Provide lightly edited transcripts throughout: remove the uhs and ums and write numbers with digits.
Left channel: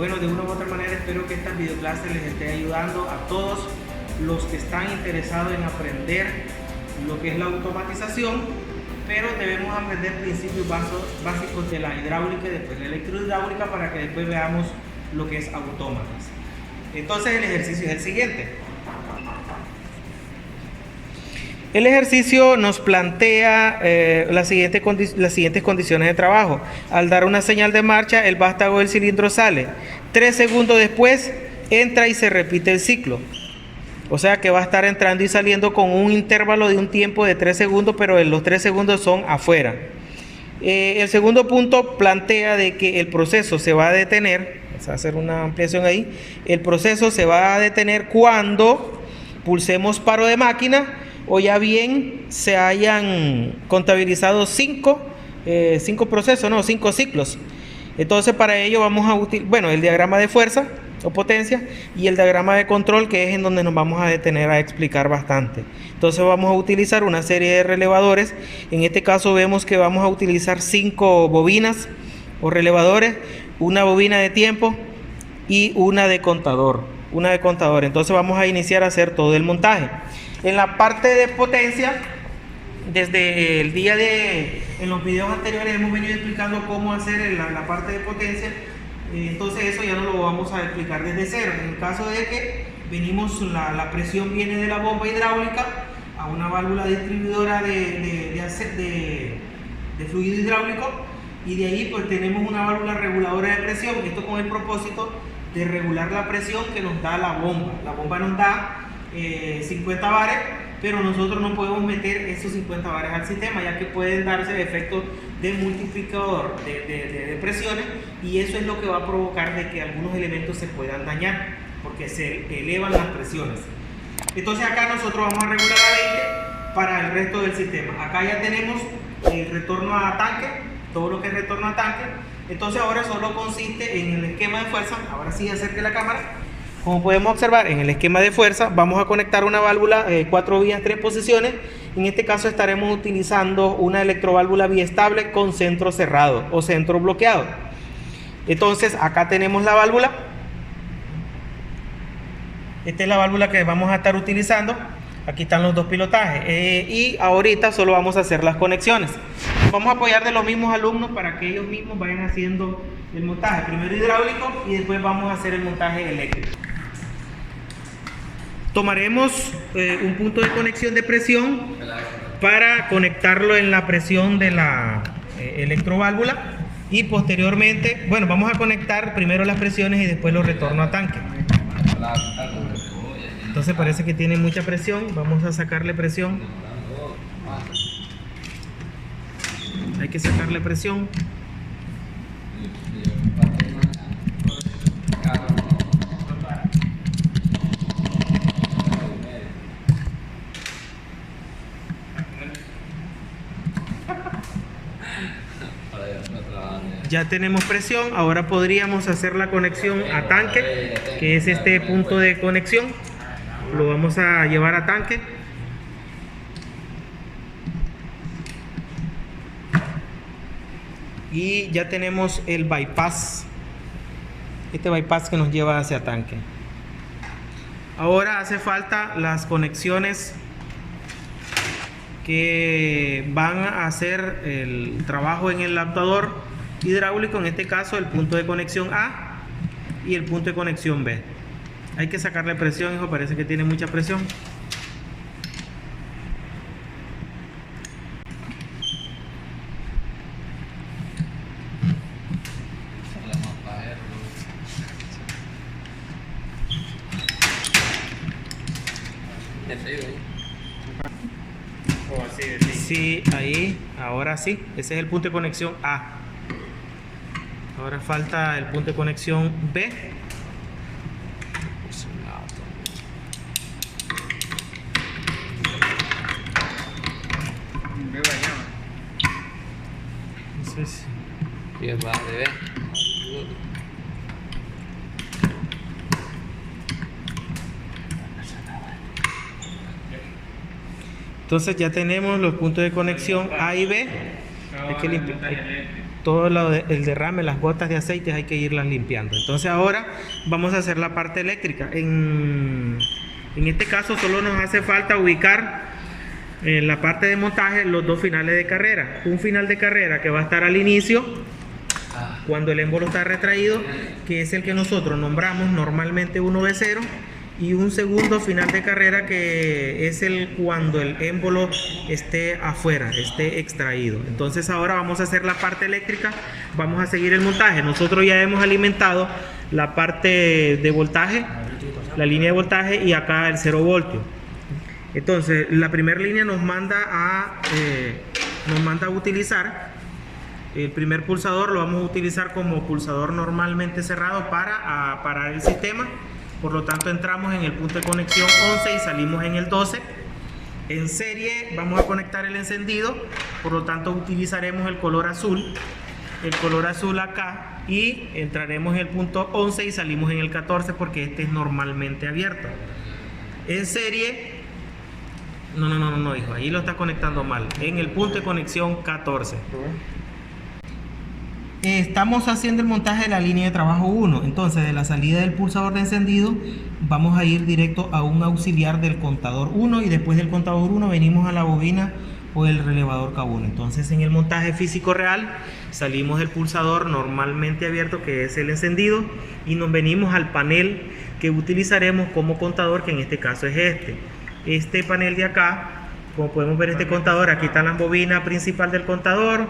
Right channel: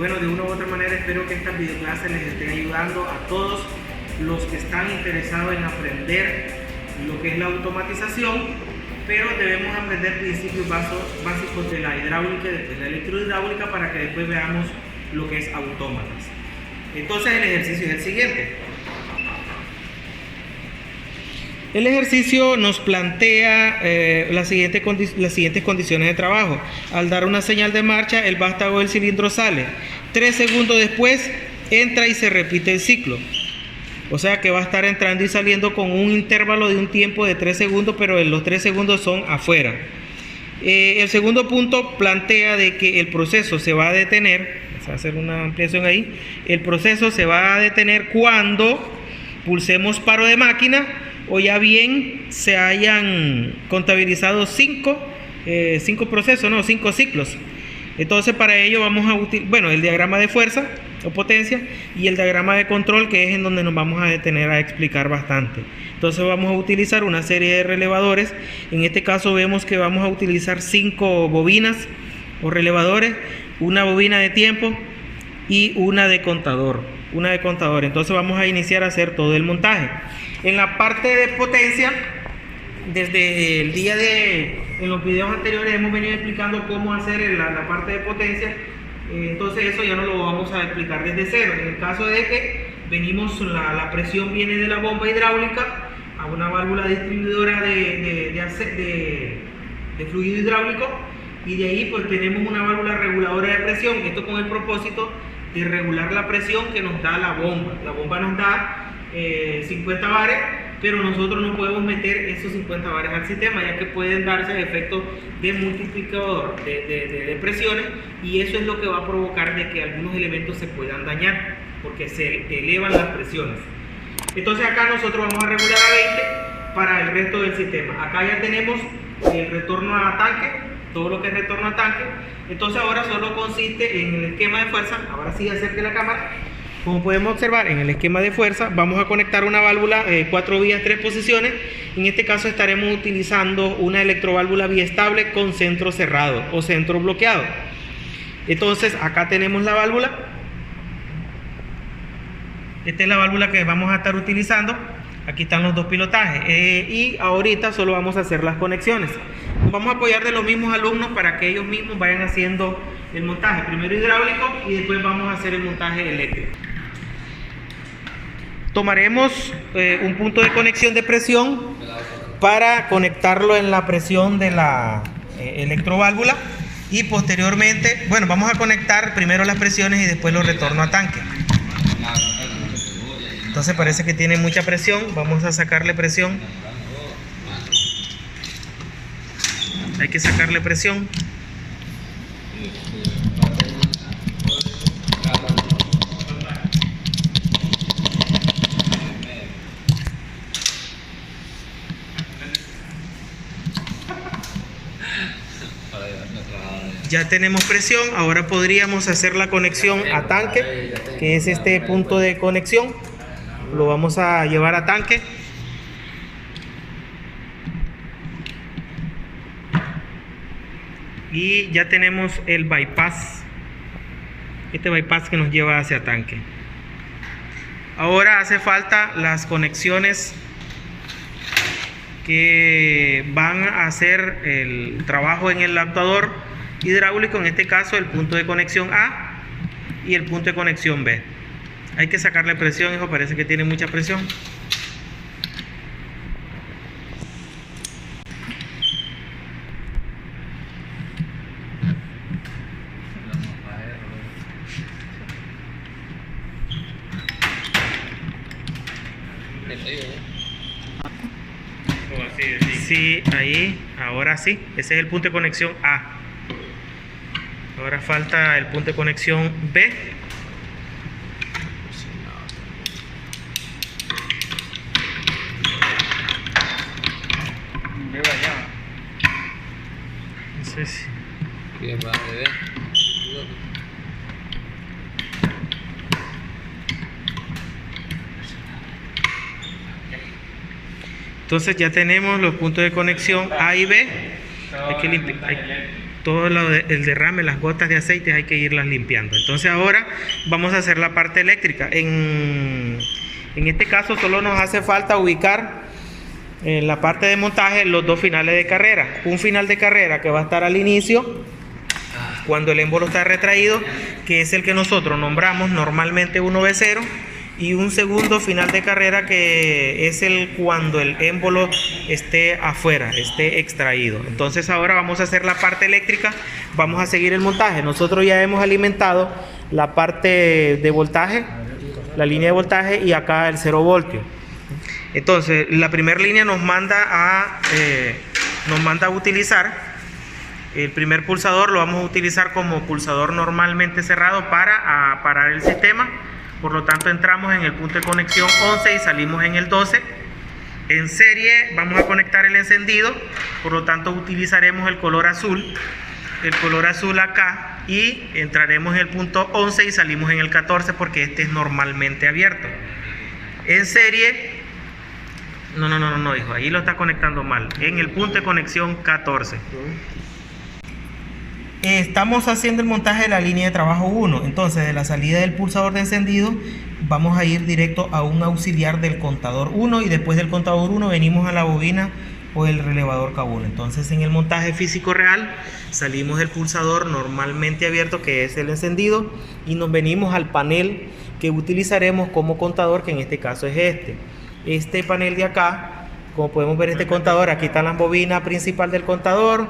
bueno, de una u otra manera espero que estas videoclases les esté ayudando a todos los que están interesados en aprender lo que es la automatización, pero debemos aprender principios básicos de la hidráulica y después de la electrohidráulica para que después veamos lo que es autómatas. Entonces el ejercicio es el siguiente. El ejercicio nos plantea las siguientes condiciones de trabajo. Al dar una señal de marcha, el vástago del cilindro sale. 3 segundos después entra y se repite el ciclo. O sea que va a estar entrando y saliendo con un intervalo de un tiempo de 3 segundos, pero los 3 segundos son afuera. El segundo punto plantea de que el proceso se va a detener. Vamos a hacer una ampliación ahí. El proceso se va a detener cuando pulsemos paro de máquina o ya bien se hayan contabilizado 5 procesos, no, 5 ciclos. Entonces para ello vamos a utilizar, el diagrama de fuerza o potencia y el diagrama de control, que es en donde nos vamos a detener a explicar bastante. Entonces vamos a utilizar una serie de relevadores. En este caso vemos que vamos a utilizar 5 bobinas o relevadores, una bobina de tiempo y una de contador. Entonces vamos a iniciar a hacer todo el montaje. En la parte de potencia, desde el día en los videos anteriores hemos venido explicando cómo hacer la parte de potencia. Entonces eso ya no lo vamos a explicar desde cero. En el caso de que la presión viene de la bomba hidráulica a una válvula distribuidora de fluido hidráulico, y de ahí pues tenemos una válvula reguladora de presión. Esto con el propósito de regular la presión que nos da la bomba. La bomba nos da 50 bares, pero nosotros no podemos meter esos 50 bares al sistema, ya que pueden darse el efecto de multiplicador de presiones, y eso es lo que va a provocar de que algunos elementos se puedan dañar porque se elevan las presiones. Entonces acá nosotros vamos a regular a 20 para el resto del sistema. Acá ya tenemos el retorno a tanque, todo lo que es retorno a tanque. Entonces ahora solo consiste en el esquema de fuerza. Ahora sí acerque la cámara. Como podemos observar, en el esquema de fuerza vamos a conectar una válvula 4 vías 3 posiciones. En este caso estaremos utilizando una electroválvula biestable con centro cerrado o centro bloqueado. Entonces acá tenemos la válvula. Esta es la válvula que vamos a estar utilizando. Aquí están los dos pilotajes y ahorita solo vamos a hacer las conexiones. Vamos a apoyar de los mismos alumnos para que ellos mismos vayan haciendo el montaje, primero hidráulico y después vamos a hacer el montaje eléctrico. Tomaremos un punto de conexión de presión para conectarlo en la presión de la electroválvula, y posteriormente, vamos a conectar primero las presiones y después los retorno a tanque. Entonces parece que tiene mucha presión, vamos a sacarle presión. Hay que sacarle presión. Ya tenemos presión, ahora podríamos hacer la conexión a tanque, que es este punto de conexión. Lo vamos a llevar a tanque. Y ya tenemos el bypass, este bypass que nos lleva hacia tanque. Ahora hace falta las conexiones que van a hacer el trabajo en el actuador hidráulico, en este caso el punto de conexión A y el punto de conexión B. Hay que sacarle presión, hijo, parece que tiene mucha presión. Sí, ahí, ahora sí, ese es el punto de conexión A. Ahora falta el punto de conexión B. No sé si... Entonces ya tenemos los puntos de conexión A y B. Hay que limpiar. todo el derrame, las gotas de aceite hay que irlas limpiando. Entonces ahora vamos a hacer la parte eléctrica. En este caso solo nos hace falta ubicar en la parte de montaje los dos finales de carrera. Un final de carrera que va a estar al inicio, cuando el émbolo está retraído, que es el que nosotros nombramos normalmente 1V0, y un segundo final de carrera que es cuando el émbolo esté afuera, esté extraído. Entonces ahora vamos a hacer la parte eléctrica, vamos a seguir el montaje. Nosotros ya hemos alimentado la parte de voltaje, la línea de voltaje, y acá el 0 voltio. Entonces la primera línea nos manda a utilizar el primer pulsador. Lo vamos a utilizar como pulsador normalmente cerrado para parar el sistema. Por lo tanto entramos en el punto de conexión 11 y salimos en el 12. En serie vamos a conectar el encendido, por lo tanto utilizaremos el color azul acá, y entraremos en el punto 11 y salimos en el 14 porque este es normalmente abierto. En serie, no, hijo, ahí lo está conectando mal, en el punto de conexión 14. Estamos haciendo el montaje de la línea de trabajo 1. Entonces de la salida del pulsador de encendido vamos a ir directo a un auxiliar del contador 1, y después del contador 1 venimos a la bobina o el relevador K1. Entonces en el montaje físico real salimos del pulsador normalmente abierto, que es el encendido, y nos venimos al panel que utilizaremos como contador, que en este caso es este panel de acá. Como podemos ver, este contador, aquí está la bobina principal del contador,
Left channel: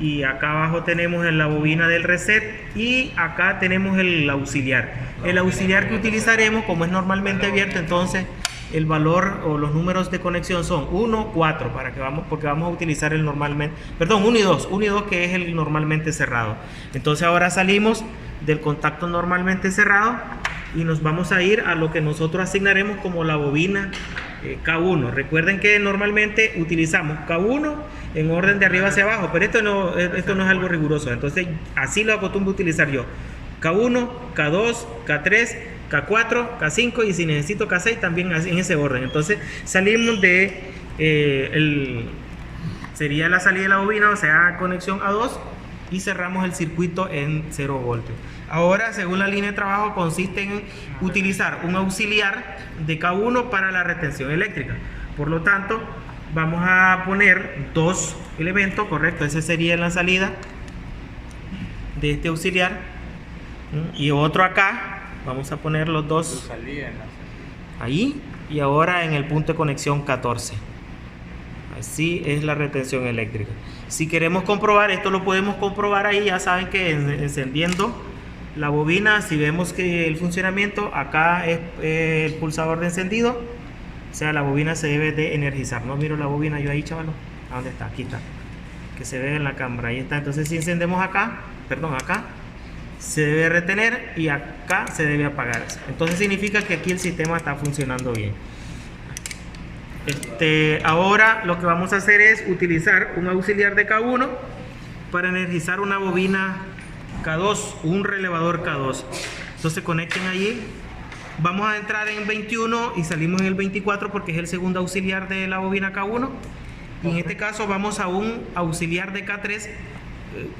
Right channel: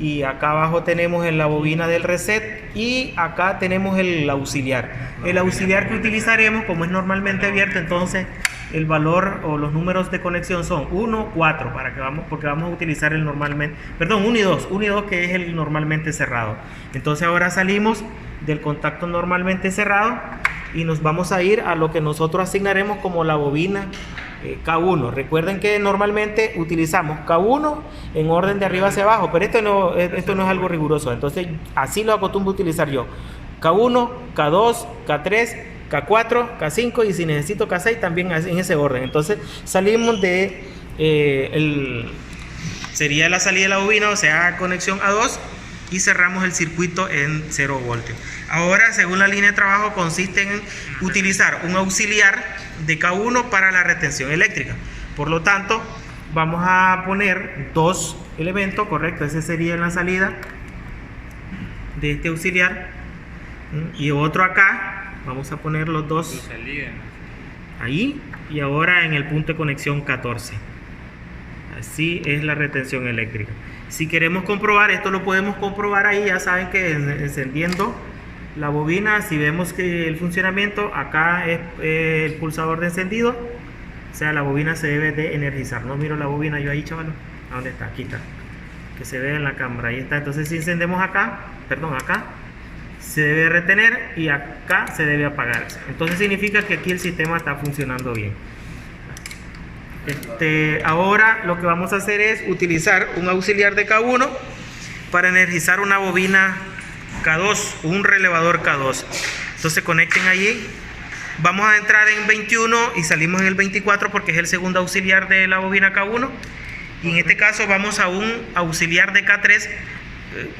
y acá abajo tenemos la bobina del reset, y acá tenemos el auxiliar que utilizaremos. Como es normalmente abierto, entonces el valor o los números de conexión son 1, 4, porque vamos a utilizar el normalmente, perdón, 1 y 2, que es el normalmente cerrado. Entonces ahora salimos del contacto normalmente cerrado y nos vamos a ir a lo que nosotros asignaremos como la bobina K1. Recuerden que normalmente utilizamos K1 en orden de arriba hacia abajo, pero esto no es algo riguroso. Entonces así lo acostumbro a utilizar yo: K1, K2, K3, K4, K5, y si necesito K6 también en ese orden. Entonces salimos de sería la salida de la bobina, o sea, conexión A2, y cerramos el circuito en 0 voltios. Ahora, según la línea de trabajo, consiste en utilizar un auxiliar de K1 para la retención eléctrica. Por lo tanto, vamos a poner dos elementos, correcto, ese sería la salida de este auxiliar, y otro acá. Vamos a poner los dos ahí, y ahora en el punto de conexión 14. Así es la retención eléctrica. Si queremos comprobar esto, lo podemos comprobar ahí. Ya saben que encendiendo la bobina, si vemos que el funcionamiento, acá es el pulsador de encendido, o sea, la bobina se debe de energizar. No miro la bobina yo ahí, chavalo. ¿A dónde está? Aquí está, que se ve en la cámara, ahí está. Entonces si encendemos acá, se debe retener, y acá se debe apagar. Entonces significa que aquí el sistema está funcionando bien. Ahora lo que vamos a hacer es utilizar un auxiliar de K1 para energizar una bobina K2, un relevador K2. Entonces conecten allí. Vamos a entrar en 21 y salimos en el 24 porque es el segundo auxiliar de la bobina K1. Y en este caso vamos a un auxiliar de K3.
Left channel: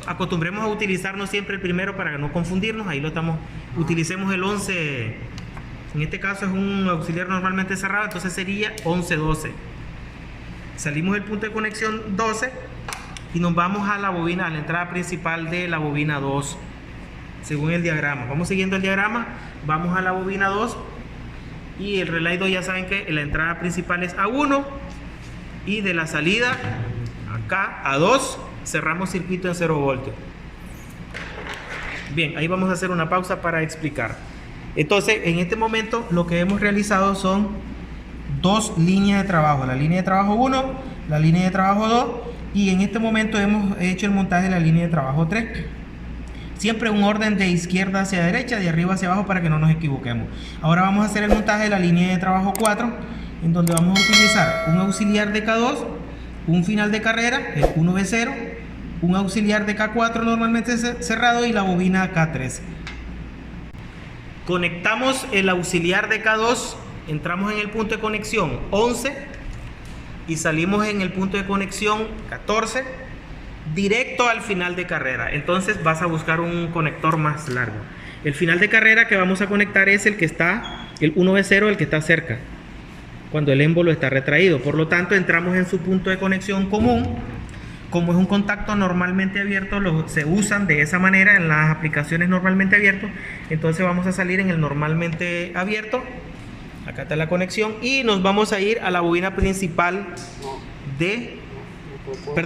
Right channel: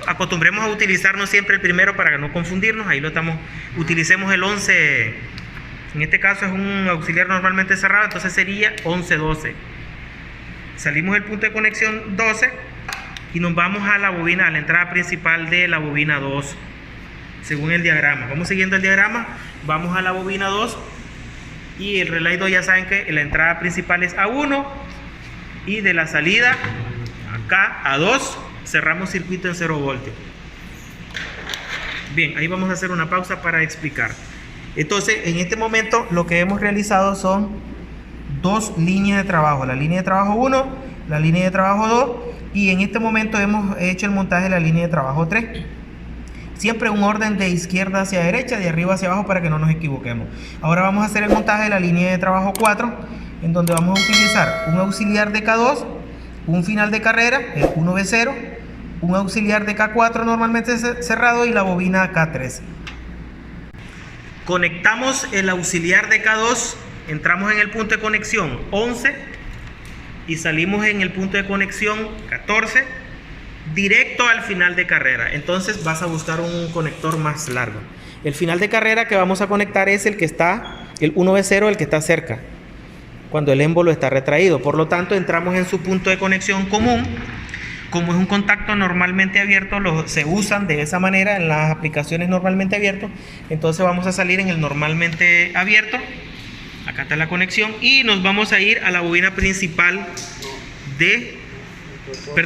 Acostumbremos a utilizarnos siempre el primero para no confundirnos. Ahí lo estamos. Utilicemos el 11. En este caso es un auxiliar normalmente cerrado, entonces sería 11-12. Salimos del punto de conexión 12 y nos vamos a la bobina, a la entrada principal de la bobina 2, según el diagrama. Vamos siguiendo el diagrama, vamos a la bobina 2, y el relay 2 ya saben que la entrada principal es A1, y de la salida acá a 2 cerramos circuito en 0 voltios. Bien, ahí vamos a hacer una pausa para explicar. Entonces, en este momento lo que hemos realizado son dos líneas de trabajo: la línea de trabajo 1, la línea de trabajo 2, y en este momento hemos hecho el montaje de la línea de trabajo 3. Siempre un orden de izquierda hacia derecha, de arriba hacia abajo, para que no nos equivoquemos. Ahora vamos a hacer el montaje de la línea de trabajo 4, en donde vamos a utilizar un auxiliar de K2, un final de carrera, el 1V0, un auxiliar de K4 normalmente cerrado, y la bobina K3. Conectamos el auxiliar de K2, entramos en el punto de conexión 11 y salimos en el punto de conexión 14. directo al final de carrera. Entonces vas a buscar un conector más largo. El final de carrera que vamos a conectar es el que está, el 1V0, el que está cerca, cuando el émbolo está retraído. Por lo tanto, entramos en su punto de conexión común. Como es un contacto normalmente abierto, se usan de esa manera en las aplicaciones normalmente abiertos. Entonces vamos a salir en el normalmente abierto. Acá está la conexión y nos vamos a ir a la bobina principal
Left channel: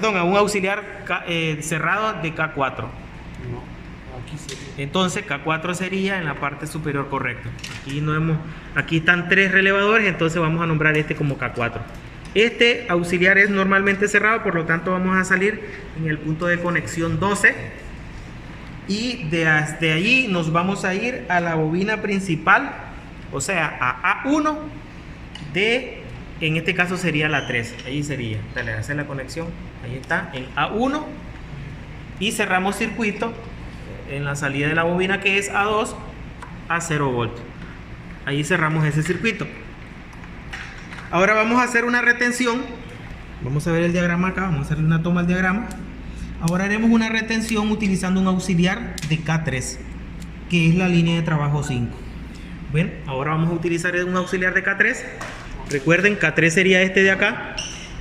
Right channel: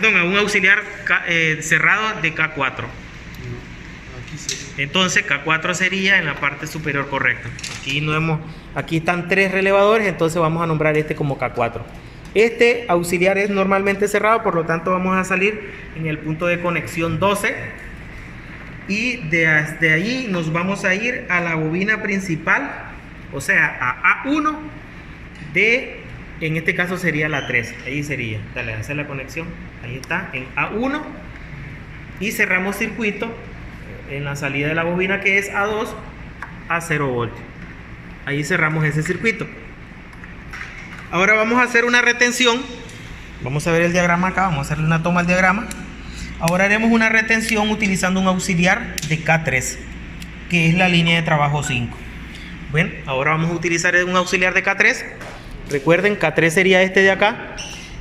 a un auxiliar cerrado de K4. Entonces K4 sería en la parte superior, correcto. Aquí están 3 relevadores, entonces vamos a nombrar este como K4. Este auxiliar es normalmente cerrado, por lo tanto vamos a salir en el punto de conexión 12 y desde allí nos vamos a ir a la bobina principal, o sea a A1 en este caso sería la 3, ahí sería, dale, hacer la conexión, ahí está, en A1 y cerramos circuito en la salida de la bobina que es A2 a 0 voltios, ahí cerramos ese circuito. Ahora vamos a hacer una retención. Vamos a ver el diagrama acá. Vamos a hacerle una toma al diagrama. Ahora haremos una retención utilizando un auxiliar de K3, que es la línea de trabajo 5. Bueno, ahora vamos a utilizar un auxiliar de K3. Recuerden, K3 sería este de acá.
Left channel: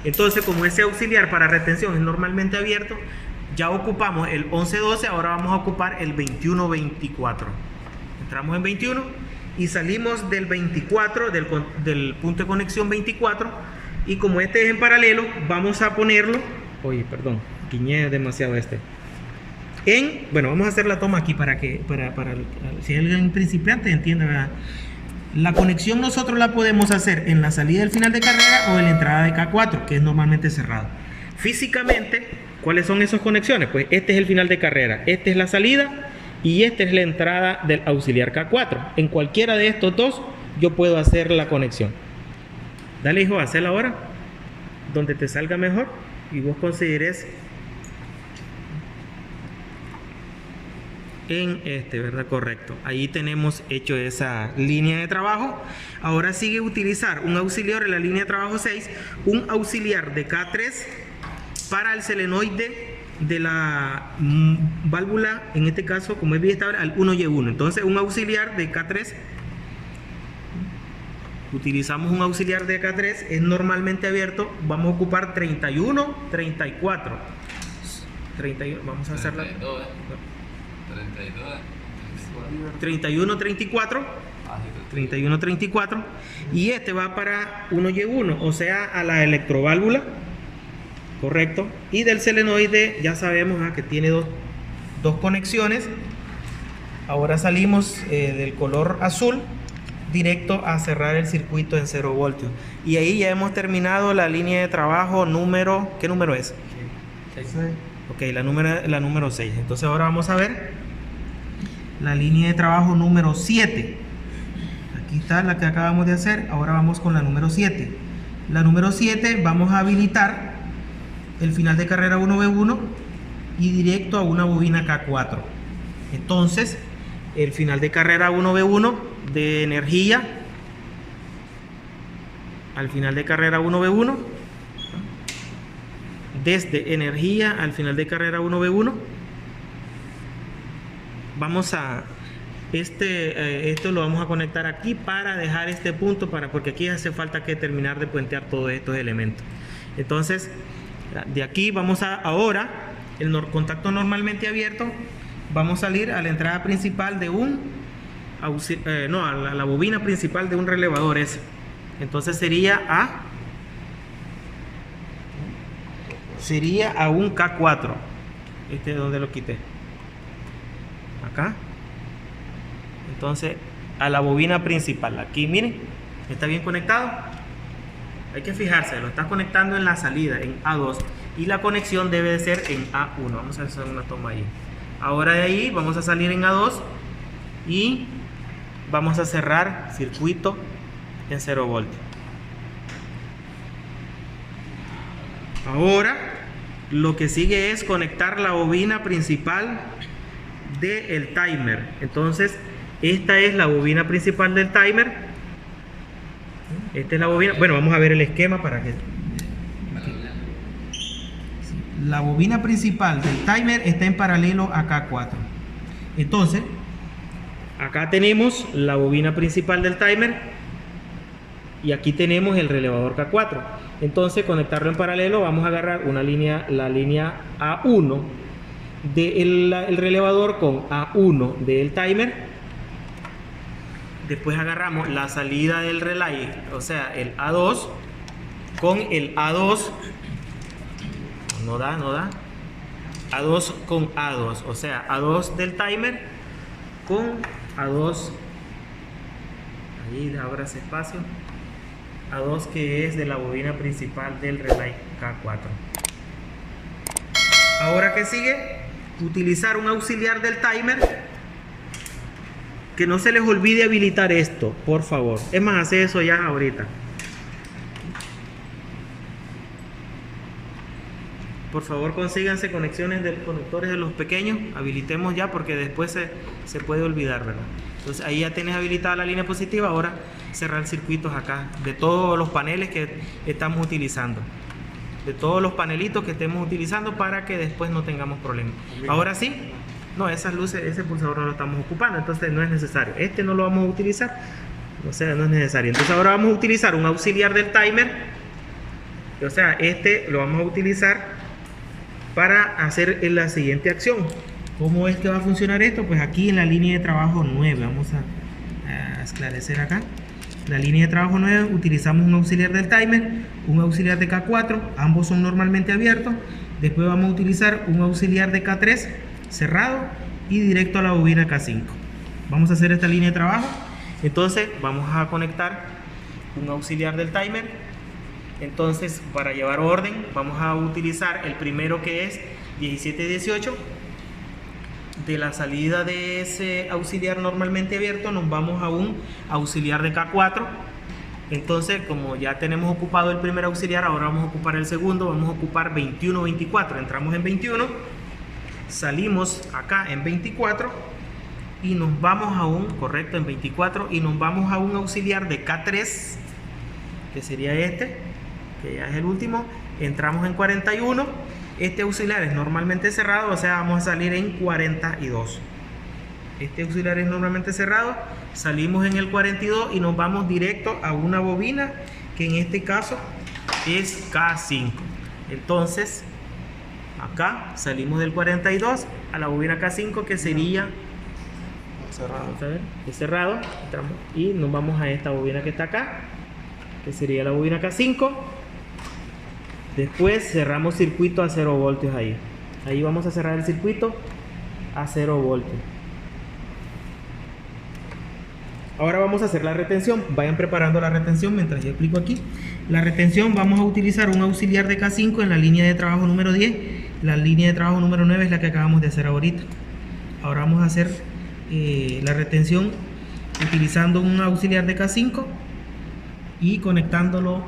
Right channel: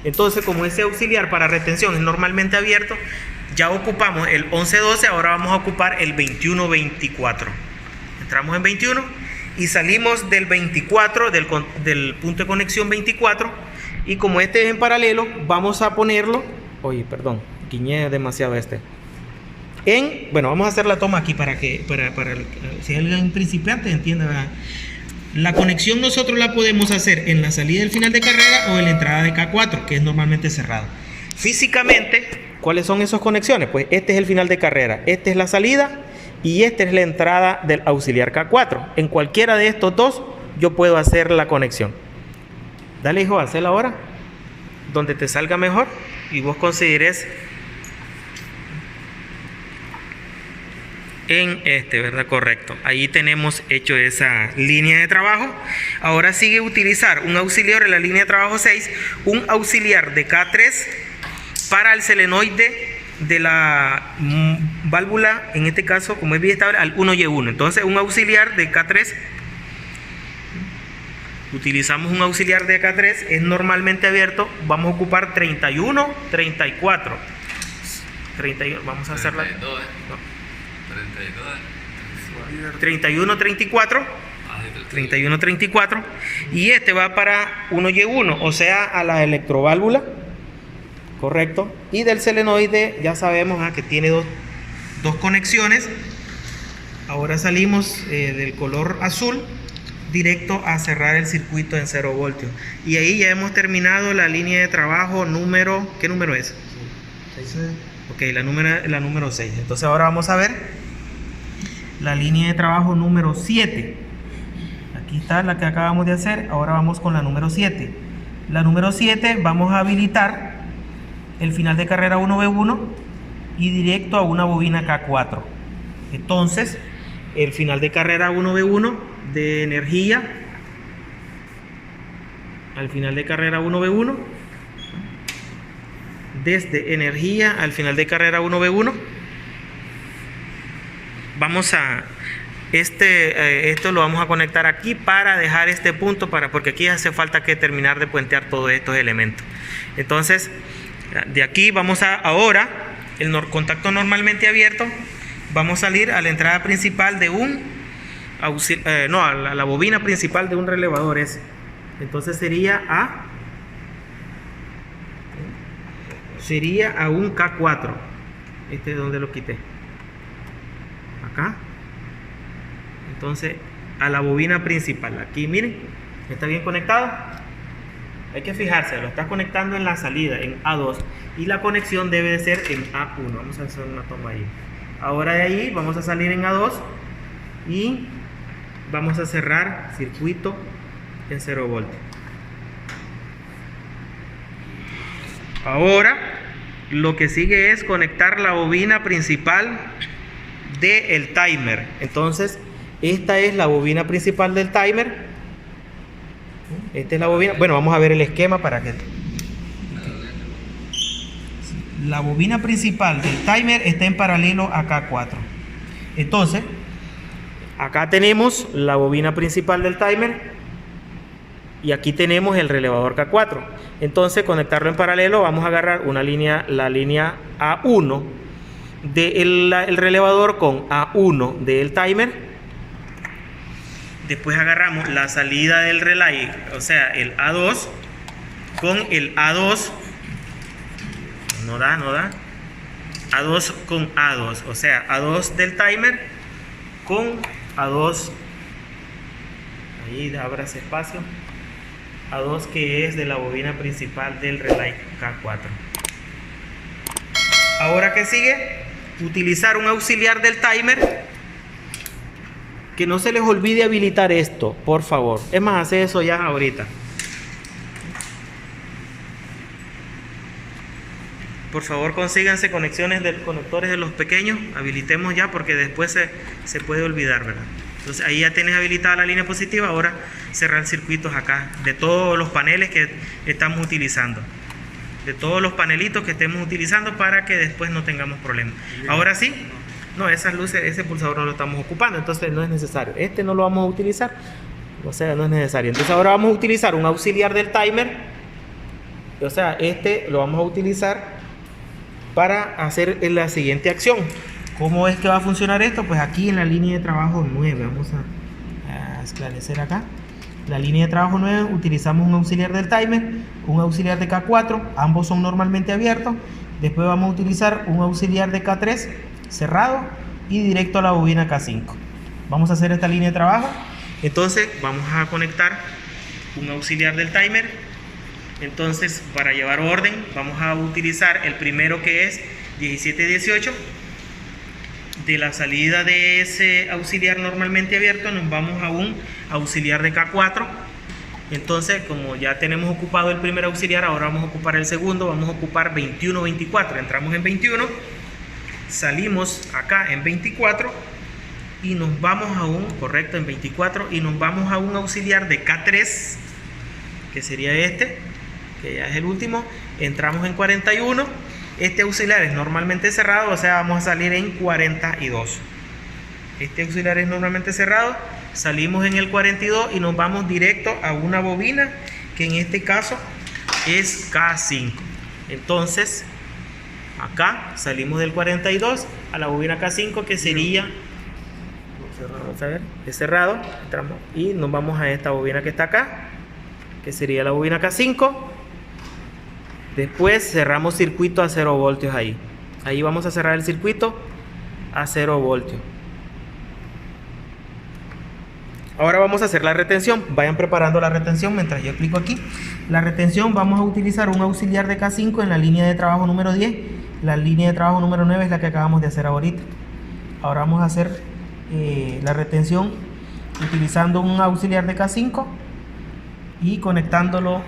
Entonces, como ese auxiliar para retención es normalmente abierto, ya ocupamos el 11-12. Ahora vamos a ocupar el 21-24. Entramos en 21. Y salimos del 24, del punto de conexión 24. Y como este es en paralelo, vamos a ponerlo. Oye, perdón, guiñé demasiado este. Bueno, vamos a hacer la toma aquí para si alguien principiante entienda, ¿verdad? La conexión nosotros la podemos hacer en la salida del final de carrera o en la entrada de K4, que es normalmente cerrado. Físicamente, ¿cuáles son esas conexiones? Pues este es el final de carrera, esta es la salida. Y esta es la entrada del auxiliar K4. En cualquiera de estos dos yo puedo hacer la conexión. Dale, hijo, hazla ahora. Donde te salga mejor. Y vos consideres en este, ¿verdad? Correcto. Ahí tenemos hecho esa línea de trabajo. Ahora sigue utilizar un auxiliar en la línea de trabajo 6. Un auxiliar de K3 para el solenoide de la válvula, en este caso como es biestable, al 1Y1. Entonces un auxiliar de K3, utilizamos un auxiliar de K3, es normalmente abierto, vamos a ocupar 31, 34. 31, vamos a hacerla. 31, 34. 31, 34. Y este va para 1Y1, o sea, a la electroválvula. Correcto. Y del solenoide ya sabemos que tiene dos conexiones. Ahora salimos del color azul directo a cerrar el circuito en 0 voltios. Y ahí ya hemos terminado la línea de trabajo número... ¿Qué número es? 6. Ok, la número 6. Entonces ahora vamos a ver la línea de trabajo número 7. Aquí está la que acabamos de hacer. Ahora vamos con la número 7. La número 7 vamos a habilitar el final de carrera 1V1 y directo a una bobina K4. Entonces, el final de carrera 1V1 de energía al final de carrera 1V1, desde energía al final de carrera 1V1, vamos a esto lo vamos a conectar aquí para dejar este punto porque aquí hace falta que terminar de puentear todos estos elementos. Entonces, de aquí vamos a ahora el contacto normalmente abierto, vamos a salir a la entrada principal de a la bobina principal de un relevador ese. Entonces sería a un K4. Este es donde lo quité. Acá. Entonces a la bobina principal. Aquí miren, está bien conectado. Hay que fijarse, lo estás conectando en la salida, en A2, y la conexión debe de ser en A1. Vamos a hacer una toma ahí. Ahora de ahí vamos a salir en A2 y vamos a cerrar circuito en 0 voltios. Ahora lo que sigue es conectar la bobina principal del timer. Entonces esta es la bobina principal del timer. Esta es la bobina. Bueno, vamos a ver el esquema para que la bobina principal del timer está en paralelo a K4. Entonces, acá tenemos la bobina principal del timer y aquí tenemos el relevador K4. Entonces, conectarlo en paralelo, vamos a agarrar una línea, la línea A1 del relevador con A1 del timer. Después agarramos la salida del relay, o sea, el A2 con el A2. No da. A2 con A2, o sea, A2 del timer con A2. Ahí abra ese espacio. A2 que es de la bobina principal del relay K4. Ahora, ¿qué sigue? Utilizar un auxiliar del timer. Que no se les olvide habilitar esto, por favor. Es más, hace eso ya ahorita. Por favor, consíganse conexiones de conectores de los pequeños. Habilitemos ya porque después se puede olvidar, ¿verdad? Entonces ahí ya tienes habilitada la línea positiva. Ahora cerrar circuitos acá de todos los paneles que estamos utilizando. De todos los panelitos que estemos utilizando para que después no tengamos problemas. Ahora sí. No, esas luces, ese pulsador no lo estamos ocupando, entonces no es necesario. Este no lo vamos a utilizar, o sea, no es necesario. Entonces ahora vamos a utilizar un auxiliar del timer. O sea, este lo vamos a utilizar para hacer la siguiente acción. ¿Cómo es que va a funcionar esto? Pues aquí en la línea de trabajo 9, vamos a esclarecer acá. La línea de trabajo 9 utilizamos un auxiliar del timer, un auxiliar de K4, ambos son normalmente abiertos. Después vamos a utilizar un auxiliar de K3 cerrado y directo a la bobina K5. Vamos a hacer esta línea de trabajo. Entonces vamos a conectar un auxiliar del timer. Entonces, para llevar orden, vamos a utilizar el primero, que es 1718. De la salida de ese auxiliar normalmente abierto nos vamos a un auxiliar de K4. Entonces, como ya tenemos ocupado el primer auxiliar, ahora vamos a ocupar el segundo. Vamos a ocupar 21-24. Entramos en 21, salimos acá en 24 y nos vamos a un, correcto, en 24, y nos vamos a un auxiliar de K3, que sería este, que ya es el último. Entramos en 41. Este auxiliar es normalmente cerrado, o sea, vamos a salir en 42. Este auxiliar es normalmente cerrado, salimos en el 42 y nos vamos directo a una bobina que en este caso es K5. Entonces, acá salimos del 42 a la bobina K5, que sería, vamos a ver, es cerrado, entramos y nos vamos a esta bobina que está acá, que sería la bobina K5. Después cerramos circuito a 0 voltios ahí. Ahí vamos a cerrar el circuito a 0 voltios. Ahora vamos a hacer la retención. Vayan preparando la retención mientras yo explico aquí. La retención, vamos a utilizar un auxiliar de K5 en la línea de trabajo número 10. La línea de trabajo número 9 es la que acabamos de hacer ahorita. Ahora vamos a hacer la retención utilizando un auxiliar de K5 y conectándolo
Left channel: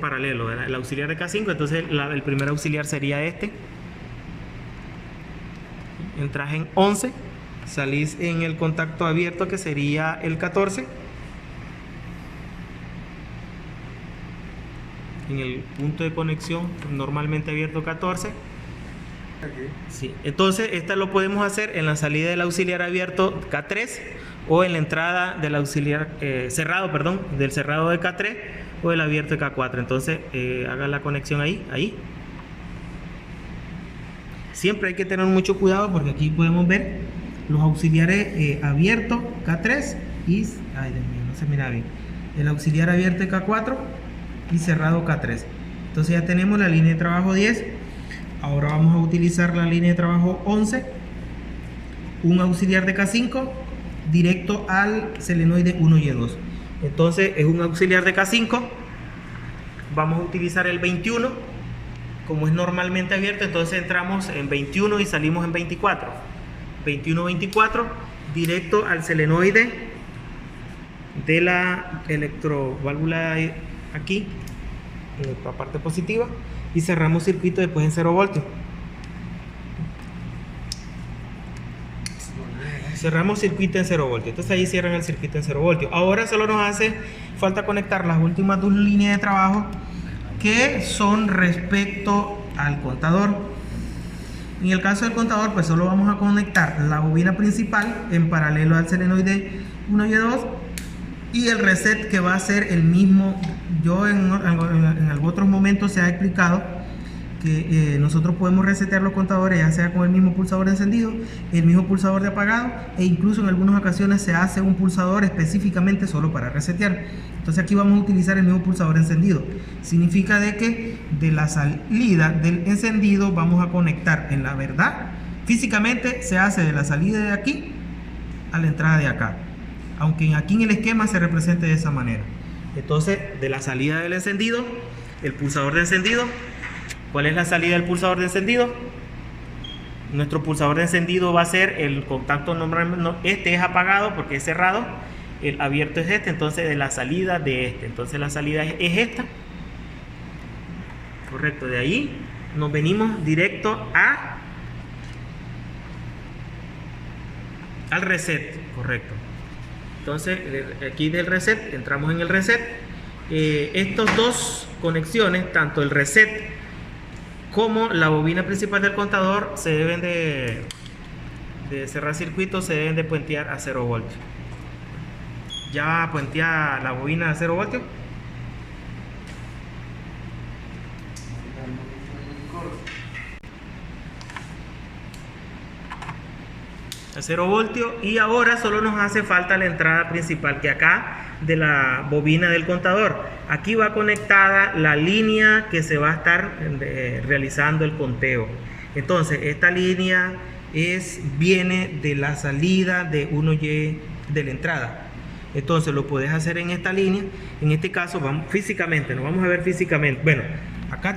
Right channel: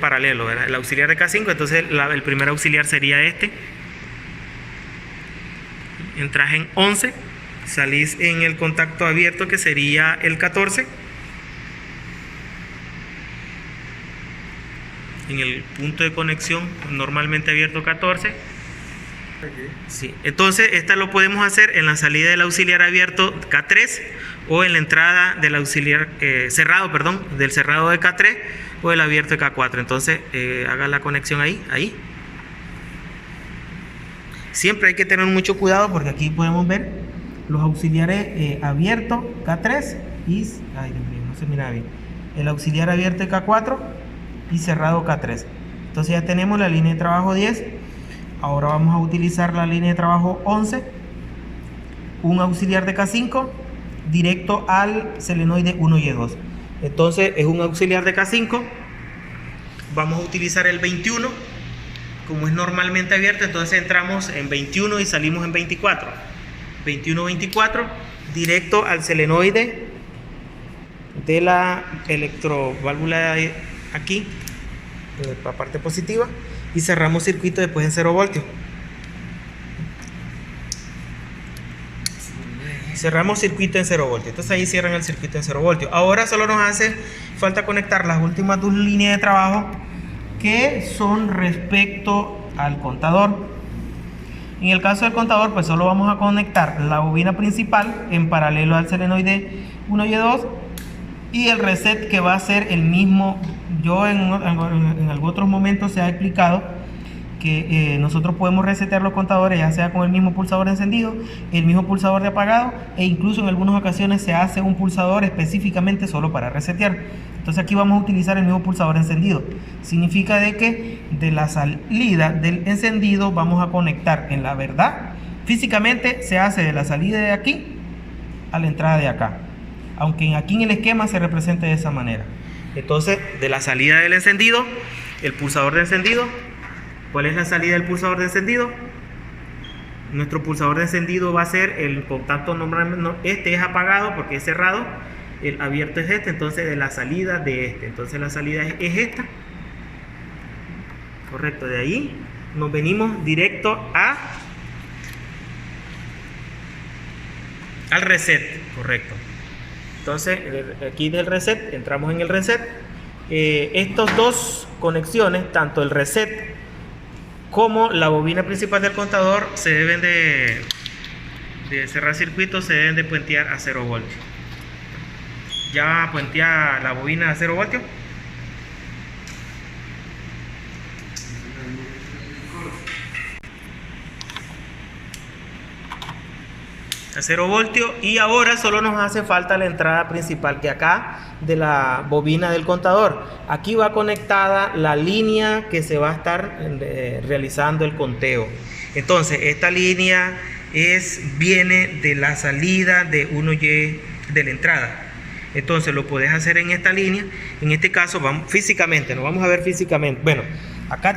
paralelo, ¿verdad? El auxiliar de K5. Entonces el primer auxiliar sería este. Entras en 11, salís en el contacto abierto, que sería el 14, en el punto de conexión normalmente abierto 14. Sí. Entonces esta lo podemos hacer en la salida del auxiliar abierto K3 o en la entrada del auxiliar cerrado, perdón, del cerrado de K3 o el abierto de K4. Entonces haga la conexión ahí. Siempre hay que tener mucho cuidado porque aquí podemos ver los auxiliares abiertos K3 y, ay Dios mío, no se mira bien, el auxiliar abierto de K4 y cerrado K3. Entonces ya tenemos la línea de trabajo 10. Ahora vamos a utilizar la línea de trabajo 11, un auxiliar de K5 directo al selenoide 1Y2. Entonces es un auxiliar de K5. Vamos a utilizar el 21, como es normalmente abierto. Entonces entramos en 21 y salimos en 24. 21-24 directo al selenoide de la electroválvula aquí, la parte positiva, y cerramos circuito después en 0 voltios. Cerramos circuito en 0 voltios. Entonces ahí cierran el circuito en 0 voltios. Ahora solo nos hace falta conectar las últimas dos líneas de trabajo, que son respecto al contador. En el caso del contador, pues solo vamos a conectar la bobina principal en paralelo al solenoide 1 y 2 y el reset, que va a ser el mismo. Yo en otros momentos se ha explicado que nosotros podemos resetear los contadores ya sea con el mismo pulsador de encendido, el mismo pulsador de apagado, e incluso en algunas ocasiones se hace un pulsador específicamente solo para resetear. Entonces aquí vamos a utilizar el mismo pulsador de encendido. Significa de que de la salida del encendido vamos a conectar, en la verdad, físicamente se hace de la salida de aquí a la entrada de acá, aunque aquí en el esquema se represente de esa manera. Entonces, de la salida del encendido, el pulsador de encendido. ¿Cuál es la salida del pulsador de encendido? Nuestro pulsador de encendido va a ser el contacto este es apagado porque es cerrado, el abierto es este, entonces de la salida de este. Entonces la salida es esta. Correcto, de ahí nos venimos directo al reset, correcto. Entonces aquí del reset, entramos en el reset. Estos dos conexiones, tanto el reset como la bobina principal del contador, se deben de cerrar circuitos, se deben de puentear a 0 voltios. Ya puentea la bobina a 0 voltios. A 0 voltios, y ahora solo nos hace falta la entrada principal, que acá de la bobina del contador, aquí va conectada la línea que se va a estar realizando el conteo. Entonces esta línea viene de la salida de 1Y de la entrada. Entonces lo puedes hacer en esta línea. En este caso físicamente, nos vamos a ver físicamente. Bueno, acá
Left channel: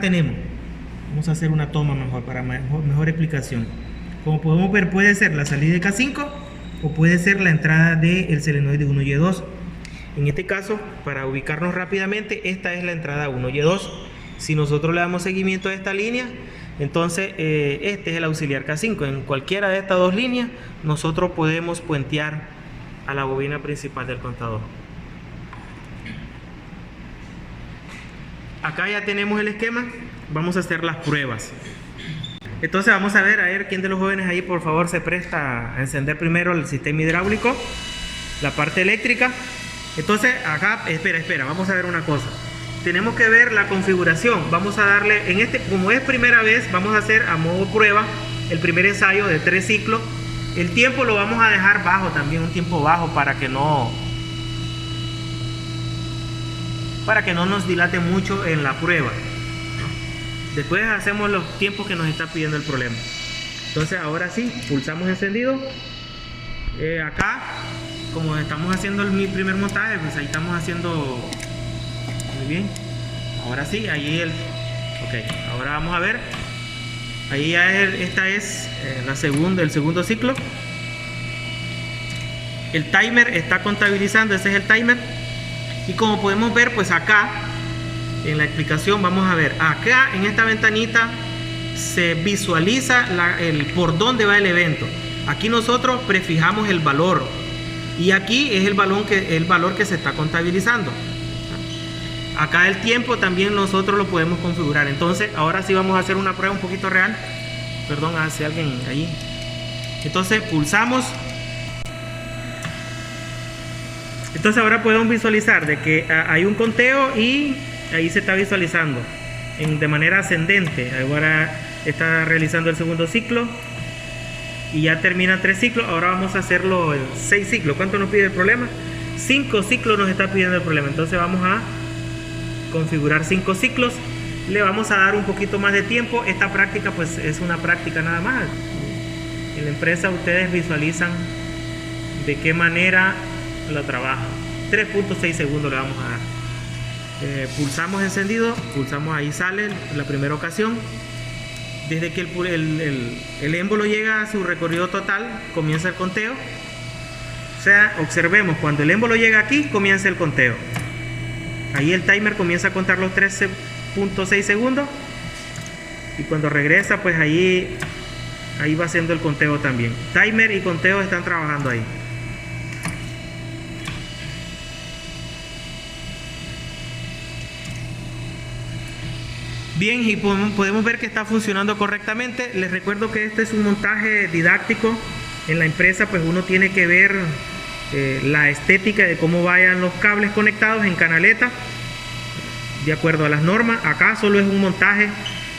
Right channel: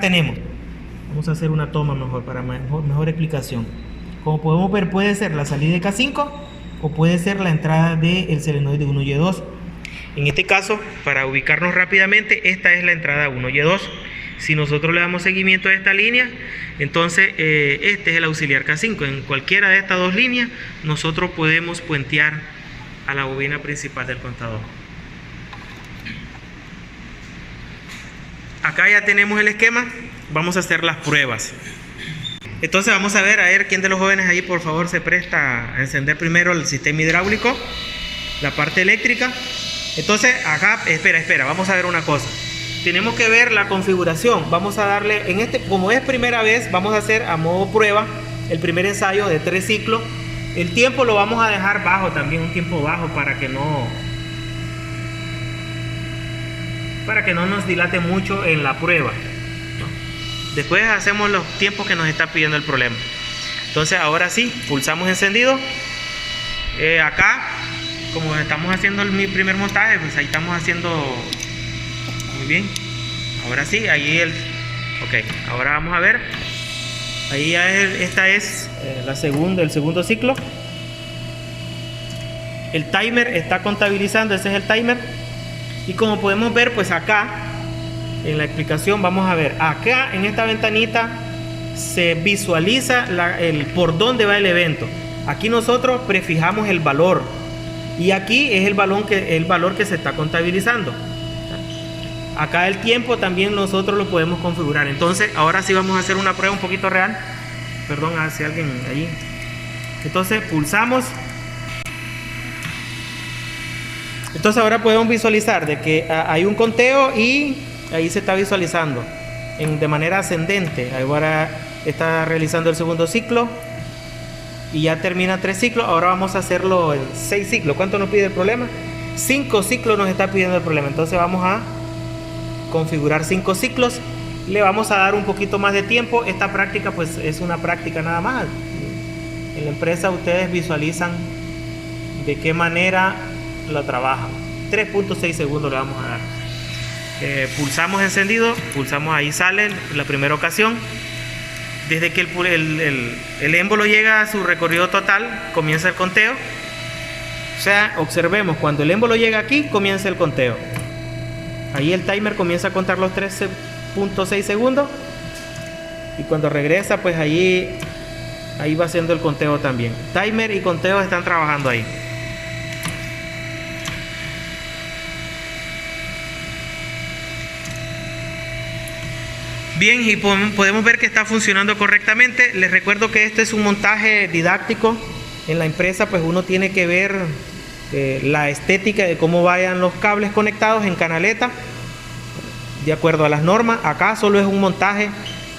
vamos a hacer una toma mejor para mejor explicación. Como podemos ver, puede ser la salida de K5 o puede ser la entrada del solenoide 1Y2. En este caso, para ubicarnos rápidamente, esta es la entrada 1Y2. Si nosotros le damos seguimiento a esta línea, entonces este es el auxiliar K5. En cualquiera de estas dos líneas, nosotros podemos puentear a la bobina principal del contador. Acá ya tenemos el esquema. Vamos a hacer las pruebas. Entonces vamos a ver quién de los jóvenes ahí por favor se presta a encender primero el sistema hidráulico, la parte eléctrica. Entonces acá, espera, vamos a ver una cosa. Tenemos que ver la configuración. Vamos a darle, como es primera vez, vamos a hacer a modo prueba el primer ensayo de 3 ciclos. El tiempo lo vamos a dejar bajo también, un tiempo bajo, para que no nos dilate mucho en la prueba. Después hacemos los tiempos que nos está pidiendo el problema. Entonces ahora sí, pulsamos encendido. Acá, como estamos haciendo mi primer montaje, pues ahí estamos haciendo muy bien. Ahora sí, ahí ok, ahora vamos a ver. Ahí ya esta es el segundo ciclo. El timer está contabilizando, ese es el timer. Y como podemos ver, pues acá en la explicación vamos a ver, acá en esta ventanita se visualiza por dónde va el evento. Aquí nosotros prefijamos el valor y aquí es el valor que se está contabilizando. Acá el tiempo también nosotros lo podemos configurar. Entonces ahora sí vamos a hacer una prueba un poquito real. Perdón, hace alguien allí. Entonces pulsamos. Entonces ahora podemos visualizar de que hay un conteo y ahí se está visualizando de manera ascendente. Ahora está realizando el segundo ciclo y ya termina 3 ciclos. Ahora vamos a hacerlo el 6 ciclos. ¿Cuánto nos pide el problema? 5 ciclos nos está pidiendo el problema. Entonces vamos a configurar 5 ciclos. Le vamos a dar un poquito más de tiempo. Esta práctica pues es una práctica nada más. En la empresa ustedes visualizan de qué manera la trabajan. 3.6 segundos le vamos a dar. Pulsamos encendido, pulsamos, ahí sale la primera ocasión. Desde que el émbolo llega a su recorrido total, comienza el conteo. O sea, observemos, cuando el émbolo llega aquí, comienza el conteo. Ahí el timer comienza a contar los 3.6 segundos. Y cuando regresa, pues ahí va haciendo el conteo también. Timer y conteo están trabajando ahí. Bien, y podemos ver que está funcionando correctamente. Les recuerdo que este es un montaje didáctico. En la empresa pues uno tiene que ver la estética de cómo vayan los cables conectados en canaleta de acuerdo a las normas. Acá solo es un montaje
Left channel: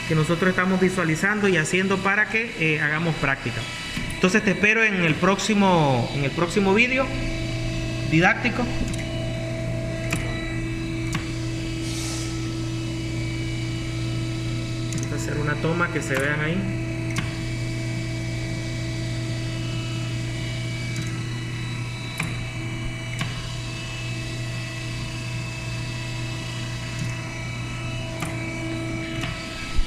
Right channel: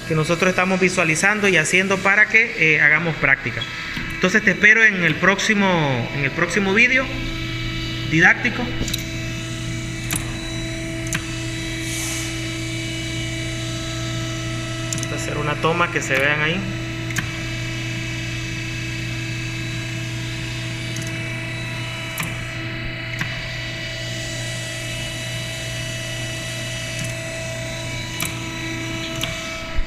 que nosotros estamos visualizando y haciendo para que hagamos práctica. Entonces te espero en el próximo vídeo didáctico. Vamos a hacer una toma que se vean ahí.